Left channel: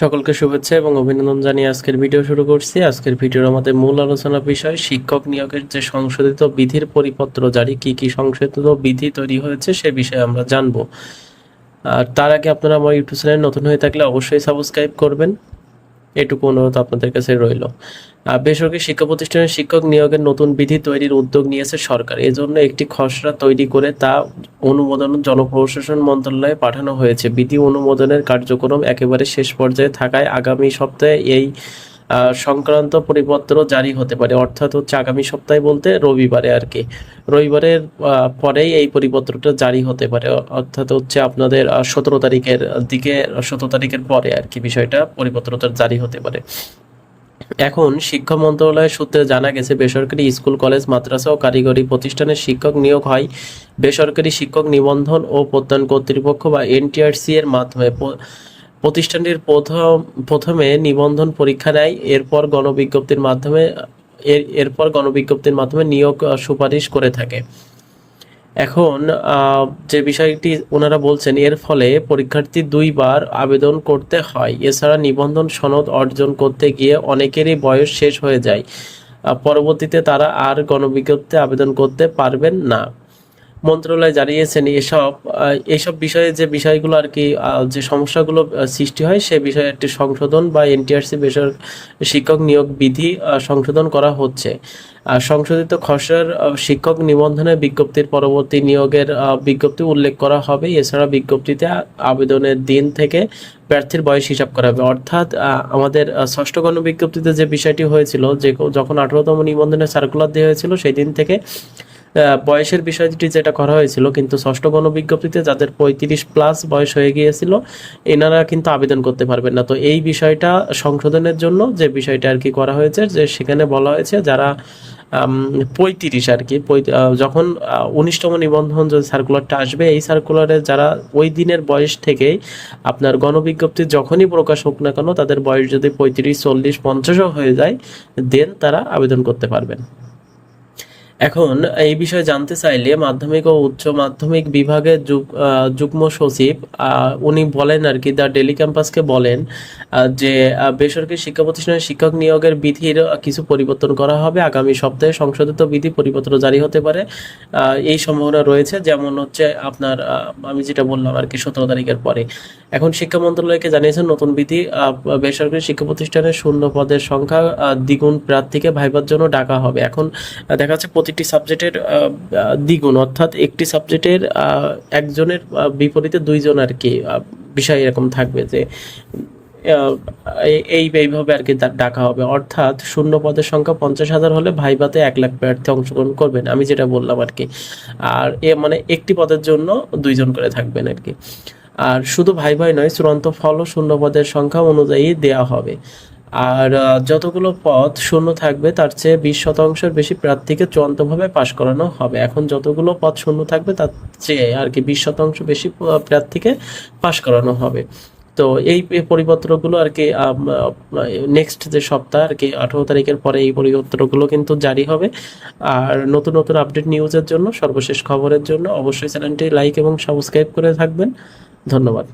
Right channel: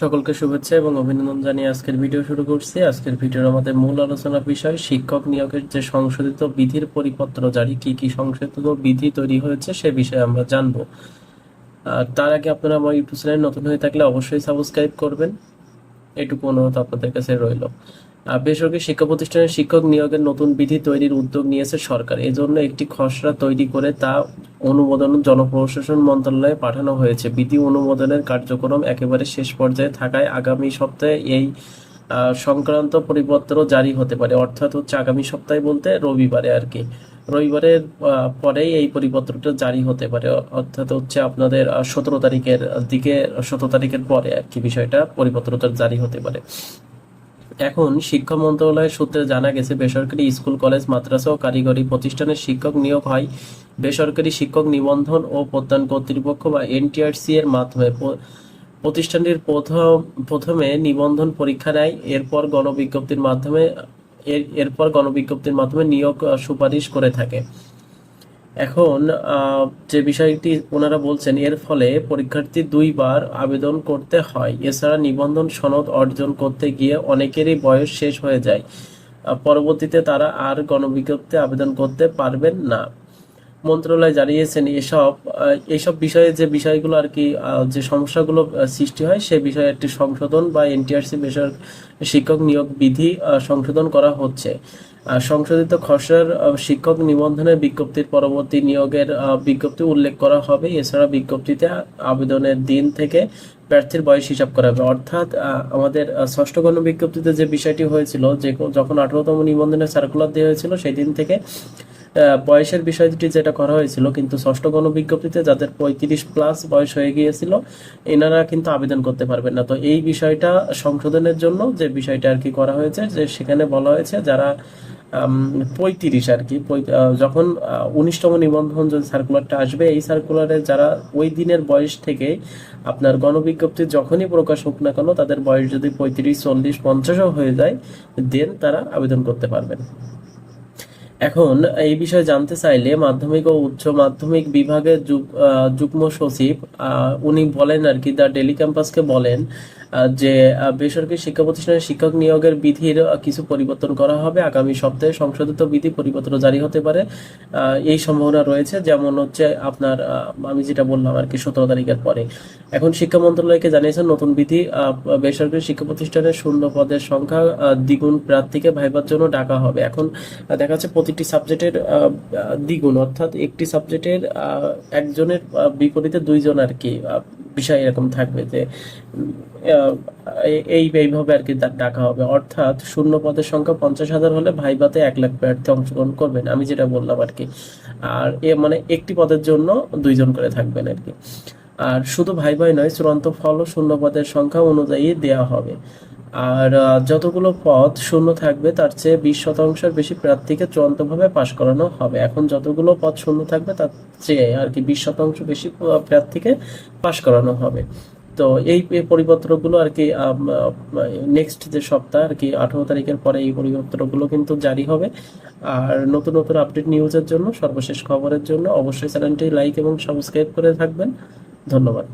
সকলকে শুভেচ্ছা এবং অভিনন্দন জানিয়ে আজকের ভিডিও শুরু করছি। আজকের ভিডিওর আমাদের মূল আলোচনা বিষয় শিক্ষক নিয়োগের যে সংশোধিত বিধির পরিপত্র জারি, কি কি সংশোধিত বিধি তৈরি হয়েছে সে বিষয়ে আমরা জানবো। আর তার আগে আপনারা আমার ইউটিউব চ্যানেল নতুন হয়ে থাকলে অবশ্যই সাবস্ক্রাইব করবেন, এটুকু অনুরোধ আপনাদের কাছে রইল। বেসরকারি শিক্ষা প্রতিষ্ঠানের শিক্ষক নিয়োগের নতুন বিধি তৈরির উদ্যোগ নিয়েছে সরকার। এজন্য একটি খসড়া তৈরি করে তা অনুমোদন জনপ্রশাসন মন্ত্রণালয়ে পাঠানো হয়েছে। বিধি অনুমোদনের কার্যক্রম একেবারে শেষ পর্যায়ে থাকায় আগামী সপ্তাহে এই সংক্রান্ত পরিপত্র জারি হতে পারে। অর্থাৎ হচ্ছে আগামী সপ্তাহে বলতে রবিবারে আর কি, রবিবারের পরেই এই পরিপত্রটা জারি হতে পারে। অর্থাৎ হচ্ছে আপনাদের 17 তারিখের দিকে, 17 তারিখের পরে আর কি বিষয়টা পরিপত্রটা জারি হতে পারে। এখন শিক্ষা মন্ত্রণালয়ের সূত্রে জানা গেছে, বেসরকারি স্কুল, কলেজ, মাদ্রাসা ও কারিগরি প্রতিষ্ঠানের শিক্ষক নিয়োগ হয় বেসরকারি শিক্ষক নিবন্ধন ও প্রত্যয়ন কর্তৃপক্ষ বা এনটিআরসি এর মাধ্যমে। প্রতিষ্ঠানটির প্রথমে নিবন্ধন পরীক্ষা নেয়, এরপর গণবিজ্ঞপ্তির মাধ্যমে নিয়োগ সুপারিশ করে থাকে। এখন যে বিষয়টি ওনারা বলছেন, এর ফলে পরীক্ষার্থী 2 বার আবেদন করতে হয়। এছাড়া নিবন্ধন সনদ অর্জন করতে গিয়ে অনেকেরই বয়স শেষ হয়ে যায়। পরবর্তীতে তারা আর গণবিজ্ঞপ্তিতে আবেদন করতে পারবেন না। মন্ত্রণালয় জানিয়েছেন এইসব বিষয়ে যে বিষয়গুলো আর কি, যে সমস্যাগুলো সৃষ্টি হয় সে বিষয়ে একটি সংশোধন বা এনটিআরসি শিক্ষক নিয়োগ বিধি সংশোধন করা হচ্ছে। সংশোধিত খসড়ার শিক্ষক নিবন্ধনের বিজ্ঞপ্তির পরবর্তী নিয়োগের বিজ্ঞপ্তি উল্লেখ করা হবে। এছাড়া বিজ্ঞপ্তিতে আবেদনের দিন থেকে প্রার্থীর বয়স হিসাব করা হবে। অর্থাৎ আমাদের ষষ্ঠ গণবিজ্ঞপ্তিতে যে বিষয়টি হয়েছিল, যে যখন 18তম নিবন্ধনের সার্কুলার দেওয়া হয়েছিল সেই দিন থেকে বয়সের বিষয়টি যেটা করা হয়েছিল, কিন্তু ষষ্ঠ গণবিজ্ঞপ্তিতে যাদের 35+ বয়স হয়ে গিয়েছিল এনারা কিন্তু আবেদন করতে পারবেন না। তো এই বিষয়টা সংশোধনের জন্য যে বিষয়টা আর কি করা হয়েছে, যে সেখানে বলা হয়েছে যারা 35 আর কি, যখন 19তম নিবন্ধন যে সার্কুলারটা আসবে, এই সার্কুলারে যারা ওই দিনের বয়স থেকে আপনার গণবিজ্ঞপ্তি যখনই প্রকাশ হোক না কেন, তাদের বয়স যদি 35, 40, 50ও হয়ে যায়, দেন তারা আবেদন করতে পারবেন। এখন এই বিষয়ে জানতে চাইলে মাধ্যমিক ও উচ্চ মাধ্যমিক বিভাগের যুগ্ম সচিব উনি বলেন আর কি, দ্য ডেলি ক্যাম্পাসকে বলেন যে বেসরকারি শিক্ষা প্রতিষ্ঠানের শিক্ষক নিয়োগের বিধির কিছু পরিবর্তন করা হবে। আগামী সপ্তাহে সংশোধিত বিধি পরিপত্র জারি হতে পারে, এই সম্ভাবনা রয়েছে। যেমন হচ্ছে আপনার আমি যেটা বললাম আর কি, 17 তারিখের পরে। এখন শিক্ষা মন্ত্রণালয়কে জানিয়েছেন নতুন বিধি বেসরকারি শিক্ষা প্রতিষ্ঠানের শূন্য পদের সংখ্যা দ্বিগুণ প্রার্থীকে ভাইবার জন্য ডাকা হবে। এখন দেখা যাচ্ছে প্রতিটি সাবজেক্টের দ্বিগুণ, অর্থাৎ একটি সাবজেক্টের একজনের বিপরীতে 2জন আর কি বিষয় এরকম থাকবে, যে এইভাবে আর কি ডাকা হবে। অর্থাৎ শূন্য পদের সংখ্যা 50,000 হলে ভাইভাতে 1 লাখ প্রার্থী অংশগ্রহণ করবেন, আমি যেটা বললাম আর কি। আর মানে একটি পদের জন্য 2জন করে থাকবেন আর কি। আর শুধু ভাই নয়, চূড়ান্ত ফলও শূন্য পদের সংখ্যা অনুযায়ী দেয়া হবে। আর যতগুলো পদ শূন্য থাকবে তার চেয়ে 20% বেশি প্রার্থীকে চূড়ান্তভাবে পাশ করানো হবে। এখন যতগুলো পদ শূন্য থাকবে তার চেয়ে আর কি 20% বেশি প্রার্থীকে পাশ করানো হবে। তো এই পরিপত্রগুলো আর কি নেক্সট যে সপ্তাহ আর কি 18 তারিখের পরে এই পরিপত্রগুলো কিন্তু জারি হবে। আর নতুন নতুন আপডেট নিউজের জন্য, সর্বশেষ খবরের জন্য অবশ্যই চ্যানেলটি লাইক এবং সাবস্ক্রাইব করে থাকবেন। ধন্যবাদ।